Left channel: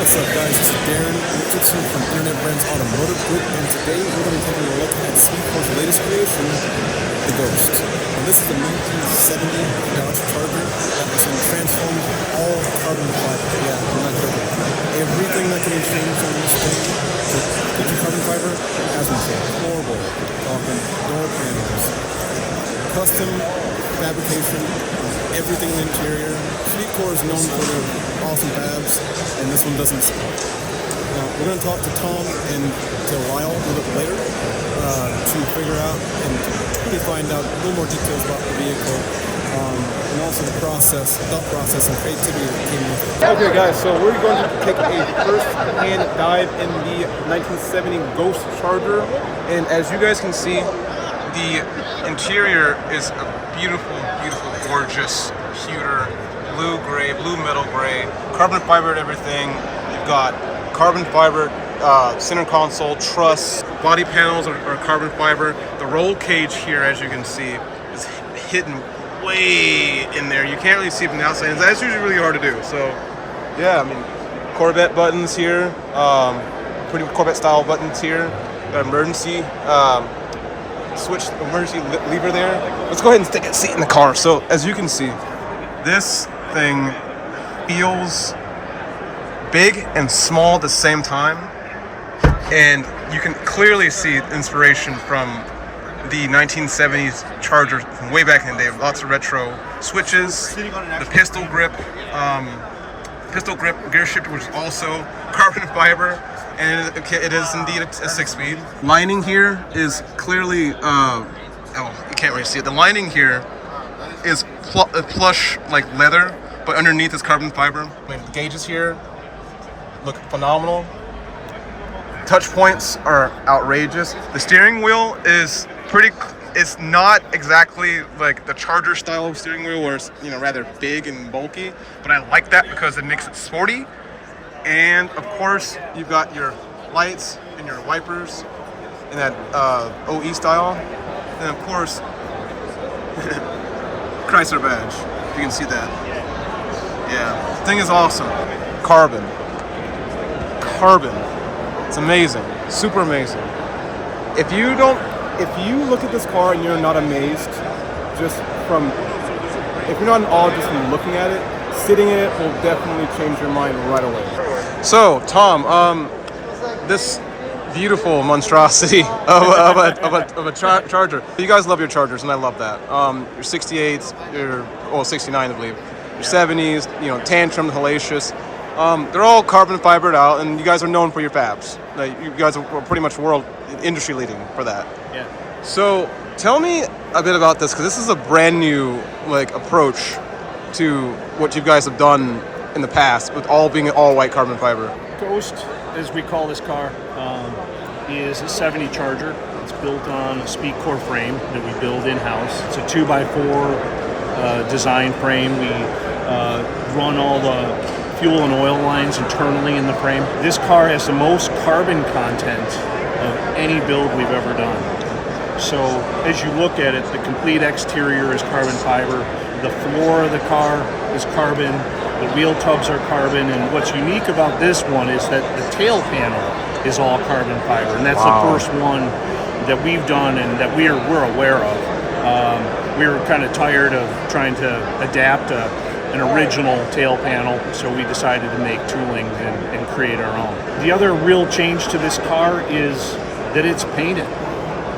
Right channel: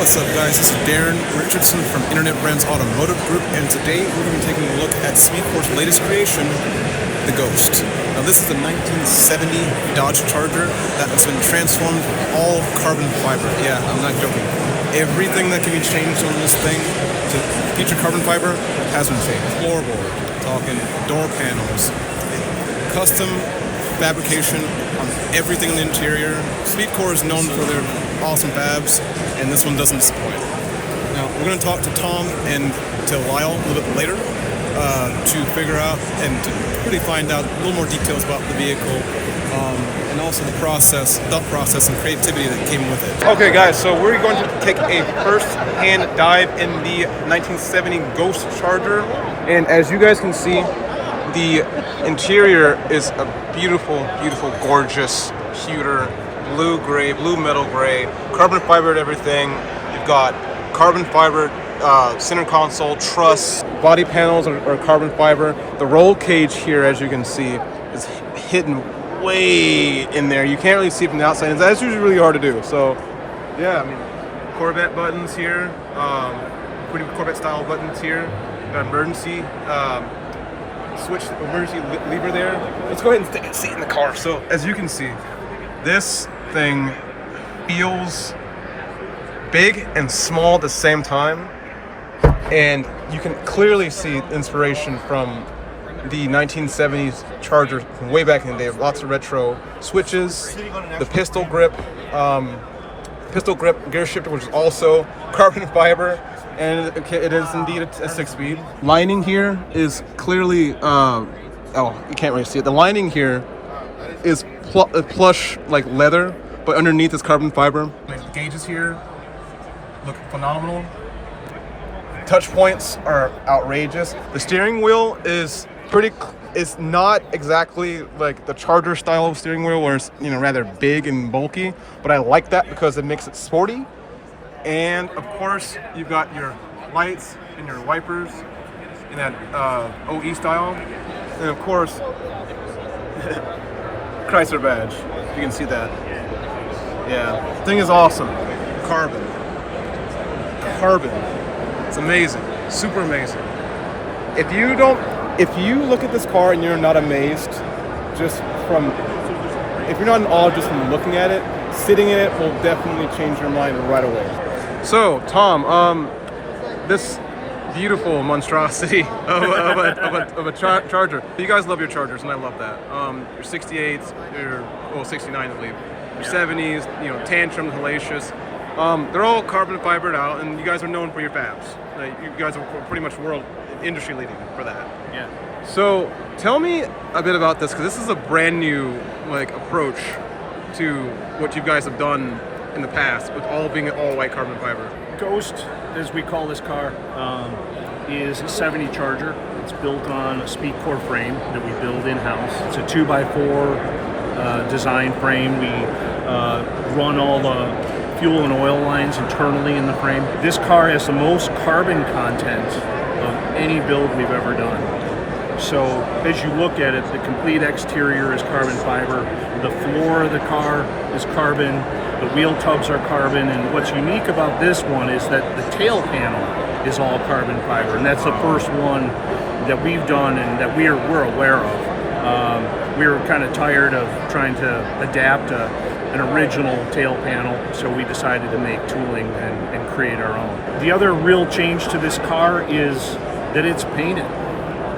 What's up, guys? This is Darren Richardson from Internet Brands Automotive Group, and today we're going to be taking a look at SpeedKore's latest creation, the Ghost. Now, this is a 1970 Dodge Charger that has been transformed all carbon fiber. Yeah, I'm not joking. Everything that can be changed on this thing to feature carbon fiber has been changed. Floorboard, talking door panels, custom fabrication on everything in the interior. SpeedKore is known for their awesome fabs, and this one doesn't disappoint. Now, we're going to talk to Tom and to Lyle a little bit later to figure out and to really find out a little more details about the vehicle and also the process, thought process, and creativity that came with it. Okay, guys, so we're going to take a first-hand dive in the 1970 Ghost Charger, and as you guys can see, the interior is a beautiful, beautiful, gorgeous, pewter, blue-gray, blue metal gray, carbon fibered everything. You've got carbon fibered center console, truss, body panels are carbon fiber. The roll cage here, as you can see, is hidden way in there. You can't really see it from the outside. That's usually really hard to do. So, yeah, I mean, Corvette buttons here, pretty Corvette style buttons here. Got emergency switch, emergency lever there. Let's go ahead and take a seat in the car. So, as you can see, this thing feels big and small at the same time, and you can clearly see inspiration from the 1970s Charger from way back in the day. Lots of retro switches, the pistol grip gear shifter, which is also carbon fiber, and it is indeed a 6-speed. Lining here is clearly you can't really see it. The lining here is plush like leather, but underneath is carbon fiber. The gauges here look phenomenal. Touch points are outrageous. The steering wheel is it's not exactly like the Charger style of steering wheel where it's rather big and bulky, but I like that because it makes it sporty. And of course, you've got your lights and your wipers in that OE style, and of course Chrysler badge, if you can see that. Yeah, the thing is awesome. Carbon. It's amazing, super amazing. If you look at this car and you're not amazed, if you're not in awe just from looking at it, sitting in it will definitely change your mind right away. So, Tom, this beautiful monstrosity of a Charger. You guys love your Chargers, and I love that. Your 68s, your 69, I believe. Your 70s, tantrum, hellacious. They're all carbon fibered out, and you guys are known for your fabs. Like, you guys are pretty much world industry leading for that. Yeah. So tell me a bit about this, because this is a brand new approach to what you guys have done in the past, with all being all white carbon fiber. Ghost, as we call this car, is a 70 Charger. It's built on a SpeedKore frame that we build in-house. It's a 2x4 design frame. We run all the fuel and oil lines internally in the frame. This car has the most carbon content of any build we've ever done. So as you look at it, the complete exterior is carbon fiber. The floor of the car is carbon. The wheel tubs are carbon, and what's unique about this one is that the tail panel is all carbon fiber, and that's the first one that we've done and that we're aware of. We were kind of tired of trying to adapt an original tail panel, so we decided to make tooling and create our own. The other real change to this car is that it's painted.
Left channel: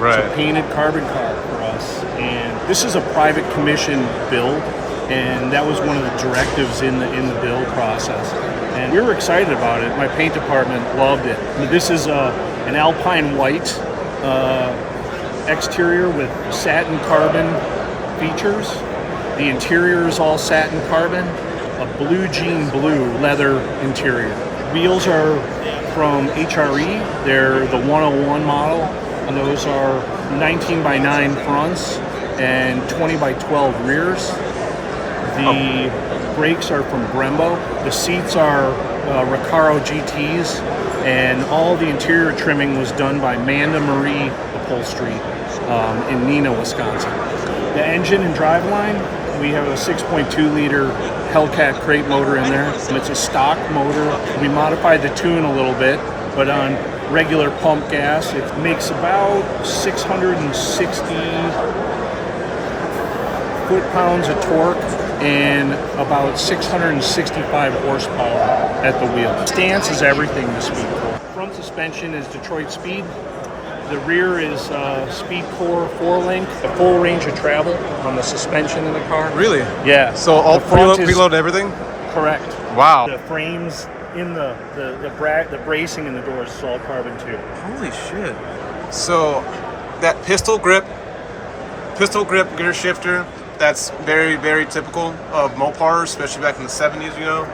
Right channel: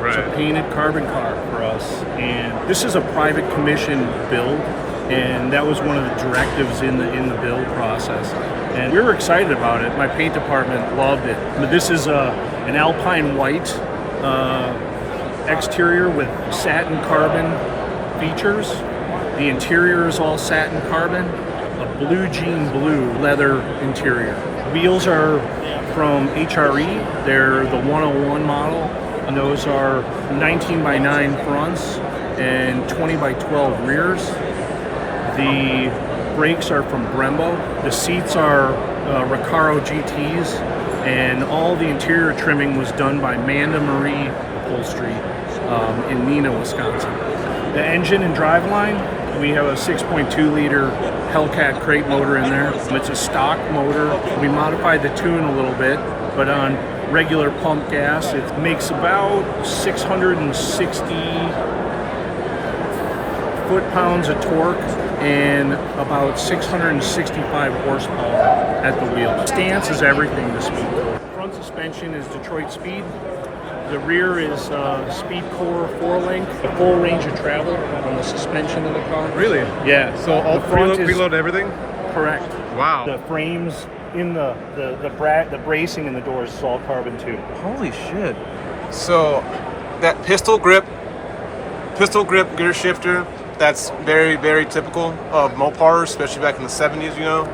Right. It's a painted carbon car for us, and this is a private commission build. And that was one of the directives in the build process. And we were excited about it. My paint department loved it. This is an alpine white exterior with satin carbon features. The interior is all satin carbon, a blue jean blue leather interior. Wheels are from HRE. They're the 101 model, and those are 19x9 fronts and 20x12 rears. The brakes are from Brembo. The seats are Recaro GTs, and all the interior trimming was done by Manda Marie Upholstery in Neenah, Wisconsin. The engine and driveline, we have a 6.2 liter Hellcat crate motor in there. And it's a stock motor. We modified the tune a little bit, but on regular pump gas, it makes about 660 foot-pounds of torque and about 665 horsepower at the wheel. Stance is everything to SpeedKore. Front suspension is Detroit Speed. The rear is SpeedKore 4-link, a full range of travel on the suspension of the car. Really? Yeah. So all preload everything? Correct. Wow. The frames in the bracing in the doors is all carbon too. Holy shit. So that pistol grip gear shifter, that's very, very typical of Mopars, especially back in the 70s, you know.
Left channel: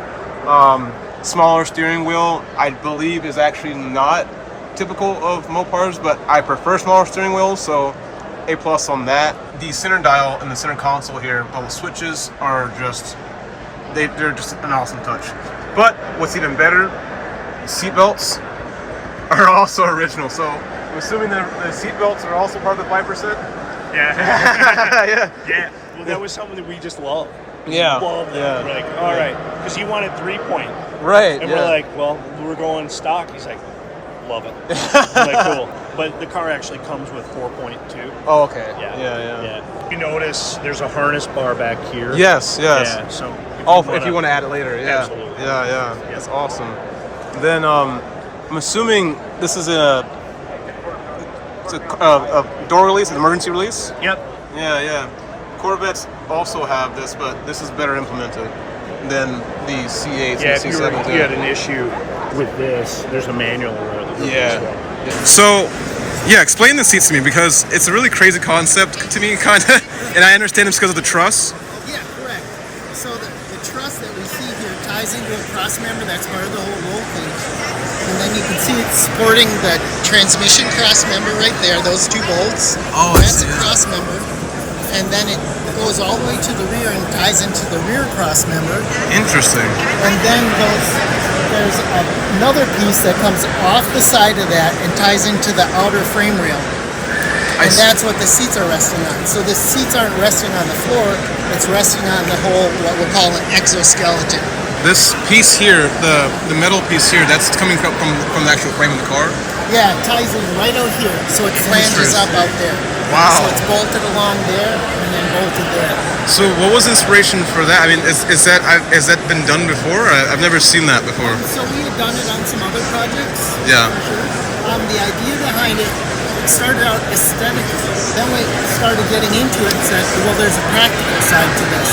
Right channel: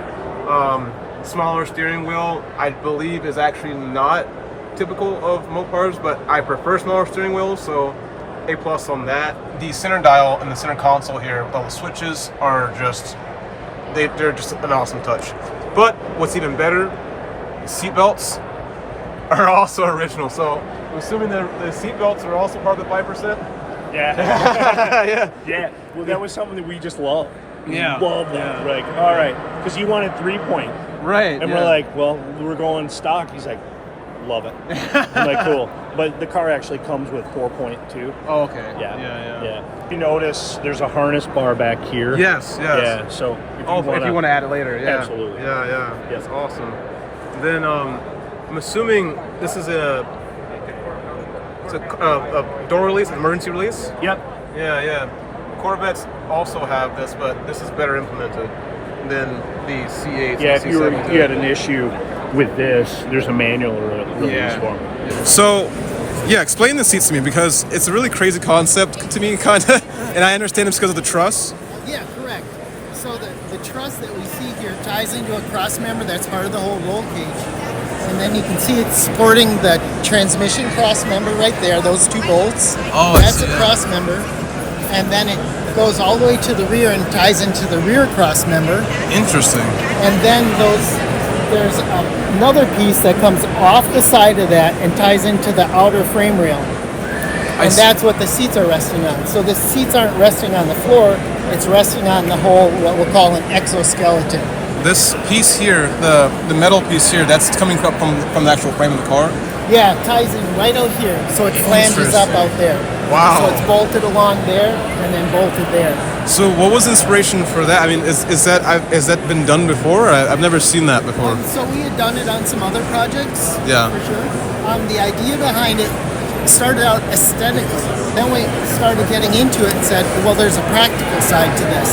Smaller steering wheel, I believe, is actually not typical of Mopars, but I prefer smaller steering wheels, so A+ on that. The center dial and the center console here, both switches are just, they're just an awesome touch. But what's even better, seat belts are also original. So I'm assuming the seat belts are also part of the 5%? Yeah. Yeah. Yeah. Well, that was something that we just loved. Yeah. Loved it. Yeah. We're like, all right, because you wanted 3-point. Right. And yeah. we're like, well, we're going stock. He's like, love it. I'm like, cool. But the car actually comes with 4-point too. Oh, okay. Yeah. You notice there's a harness bar back here. Yes. Yeah. So If you want to add it later, yeah. Absolutely. Yeah. That's awesome. Then I'm assuming this is a door release, an emergency release. Yep. Yeah. Corvettes also have this, but this is better implemented than the C8s Yeah. and If the you C7s. had an issue with this, there's a manual release for it. So, yeah, explain the seats to me, because it's a really crazy concept to me, kind of, and I understand it's because of the truss. Yeah, correct. So the truss that we see here ties into a cross member that's part of the whole roll cage. And then you can see it's supporting the transmission cross member right there, those two bolts. Oh, that's a cross member. And then it goes all the way to the rear and ties into the rear cross member. Interesting. And then there's another piece that comes off the side of that and ties into the outer frame rail. And that's what the seats are resting on. So the seats aren't resting on the floor, it's resting on the whole, what we'll call an exoskeleton. This piece here, the metal piece here, that's coming from the actual frame of the car? Yeah, it ties in right out here, so it flanges up out there. Wow. So it's bolted along there and then bolted there. So what was the inspiration for that? I mean, has that been done before? I've never seen that before. So we had done it on some other projects. Yeah. For sure. The idea behind it started out aesthetically. Then we started getting into it and said, well, there's a practical side to this.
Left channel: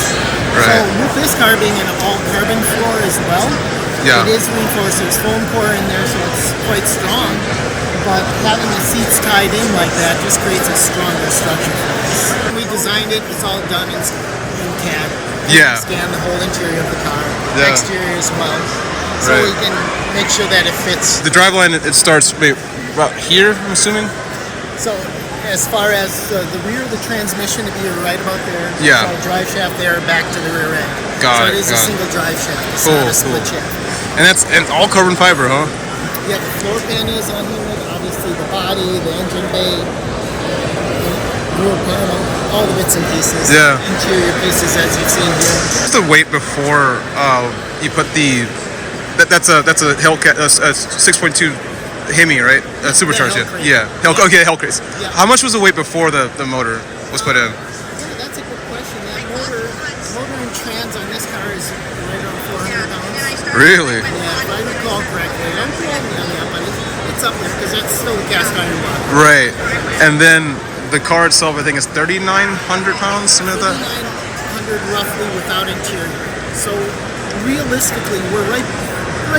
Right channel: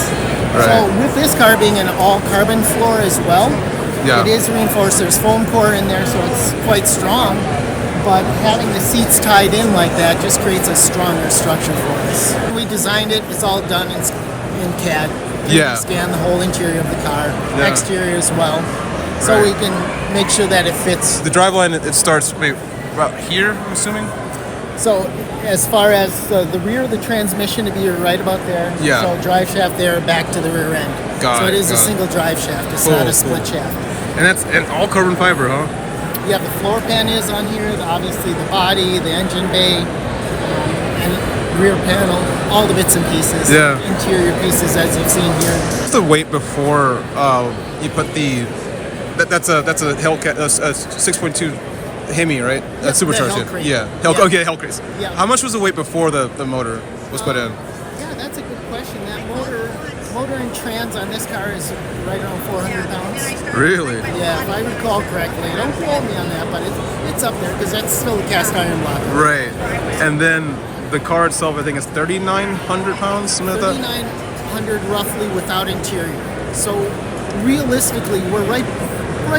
Right. So with this car being an all-carbon floor as well, Yeah. it is reinforced. There's foam core in there, so it's quite strong. But having the seats tied in like that just creates a stronger structure for us. When we designed it, it's all done in CAD. Yeah. We scan the whole interior of the car, Yeah. exterior as well. So Right. we can make sure that it fits. The driveline, it starts about here, I'm assuming? So as far as the rear of the transmission to be right about there. Yeah. So drive shaft there, back to the rear end. Got so it, it is a got it. single drive shaft. It's Cool, not a split cool. shaft. And it's all carbon fiber, huh? Yeah, the floor pan is on here, obviously the body, the engine bay, and rear panel, all the bits and pieces. Yeah. Interior pieces as you've seen here. What's the weight before you put that's a Hellcat, a 6.2 Hemi, right? Supercharged, Hellcat. yeah. Okay, Hellcat. Yeah. How much was the weight before the motor was put in? Yeah, that's a good question. That motor and trans on this car is right around 400 pounds. Really? Yeah, if I recall correctly. Don't quote me on that, but it's up there because that's still a cast iron body. Right. And then the car itself, I think, is 3,900 pounds, something like that? 3,900 roughly without interior. So realistically, we're right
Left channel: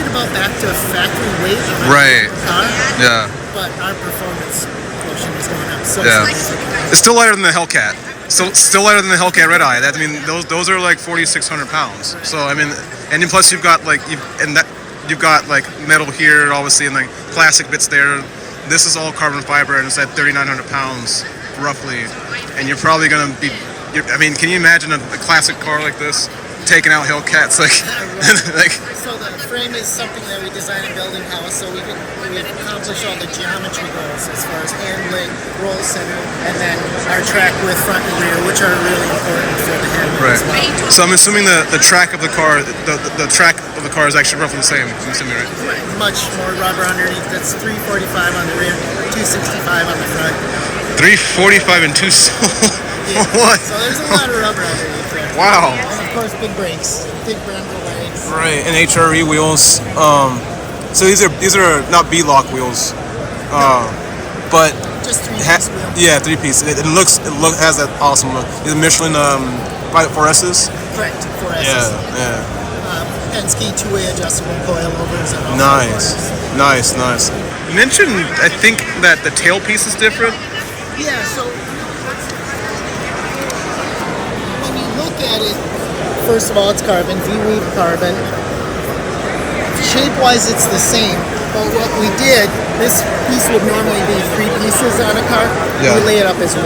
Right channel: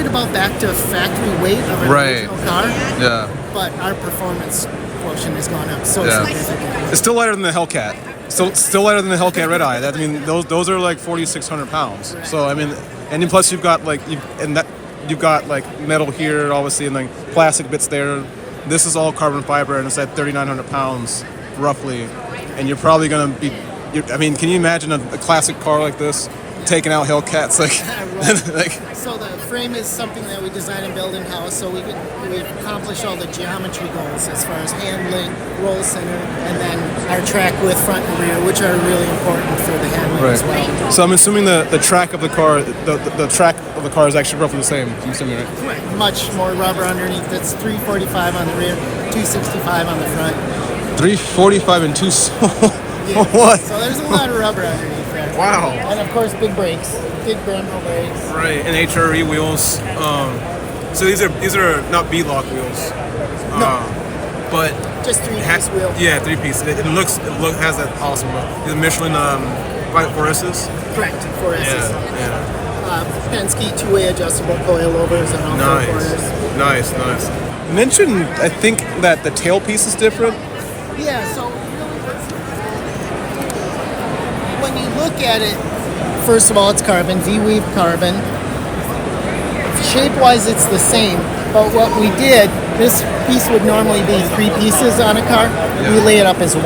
about back to factory weight of a Right. car. Yeah. But our performance portion has gone up so Yeah. significantly. It's still lighter than the Hellcat. Still lighter than the Hellcat Red Eye. I mean, those are like 4,600 pounds. So I mean, and then plus you've got like metal here, obviously, and then plastic bits there. This is all carbon fiber, and it's at 3,900 pounds roughly. And you're probably gonna be. I mean, can you imagine a classic car like this taking out Hellcats like? like So the frame frame is something that we design and build in-house, so we accomplish all the geometry goals as far as handling, roll center, and then our track with front and rear, which are really important for the handling Right. as well. So I'm assuming the track of the car, the track of the car is actually roughly the same. I'm assuming, right? Right. Much more rubber underneath. That's 345 on the rear, 265 on the front. 345 and 2. Yeah. What? So there's a lot of rubber underneath there. Wow. And of course, big brakes, big Brembo brakes. Right, and HRE wheels. So these are not B-lock wheels, but Just three-piece wheel. yeah, 3-piece. It has that awesome look. The Michelin 4S's. Correct. 4S's. Yeah. Penske two-way adjustable coilovers and all Nice. You mentioned, I think, that the tailpiece is different. Yeah, so when you look at it, first of all, it's carbon, V-weave carbon. Shape-wise, it's the same, but what we did, this piece would normally be 3 pieces on a car. Yeah. We lay it up as 1.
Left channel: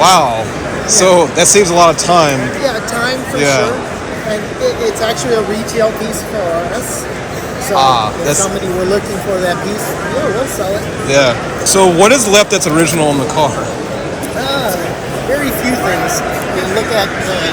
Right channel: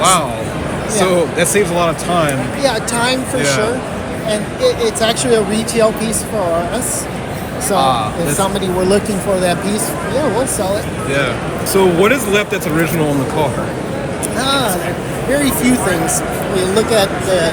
Wow. So that saves a lot of time. Yeah, time for Yeah. sure. And it's actually a retail piece for us. So if that's- somebody were looking for that piece, yeah, we'll sell it. Yeah. So what is left that's original in the car? Very few things. You look at the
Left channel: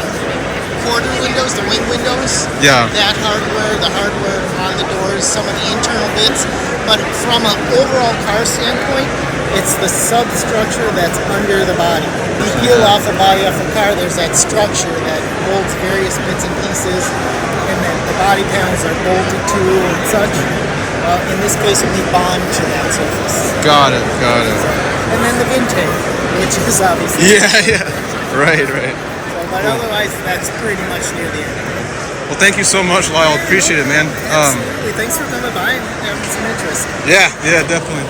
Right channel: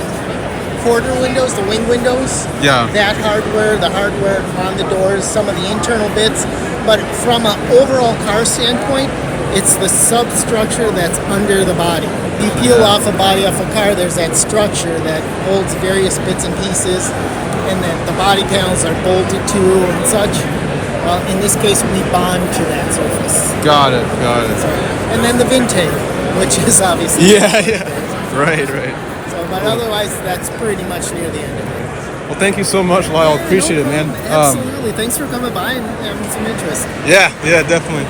quarter windows, the wing windows. Yeah. That hardware, the hardware on the doors, some of the internal bits. But from an overall car standpoint, it's the substructure that's under the body. You peel off a body off a car, there's that structure that holds various bits and pieces, and then the body panels are bolted to and such. In this case, we bond to that surface. Got it. And then the Vintage, which is obviously. Yeah. Right. But otherwise, that's pretty much near the end. Well, thank you so much, Lyle. Appreciate it, man. Absolutely. Thanks for coming by and having some interest. Yeah, definitely.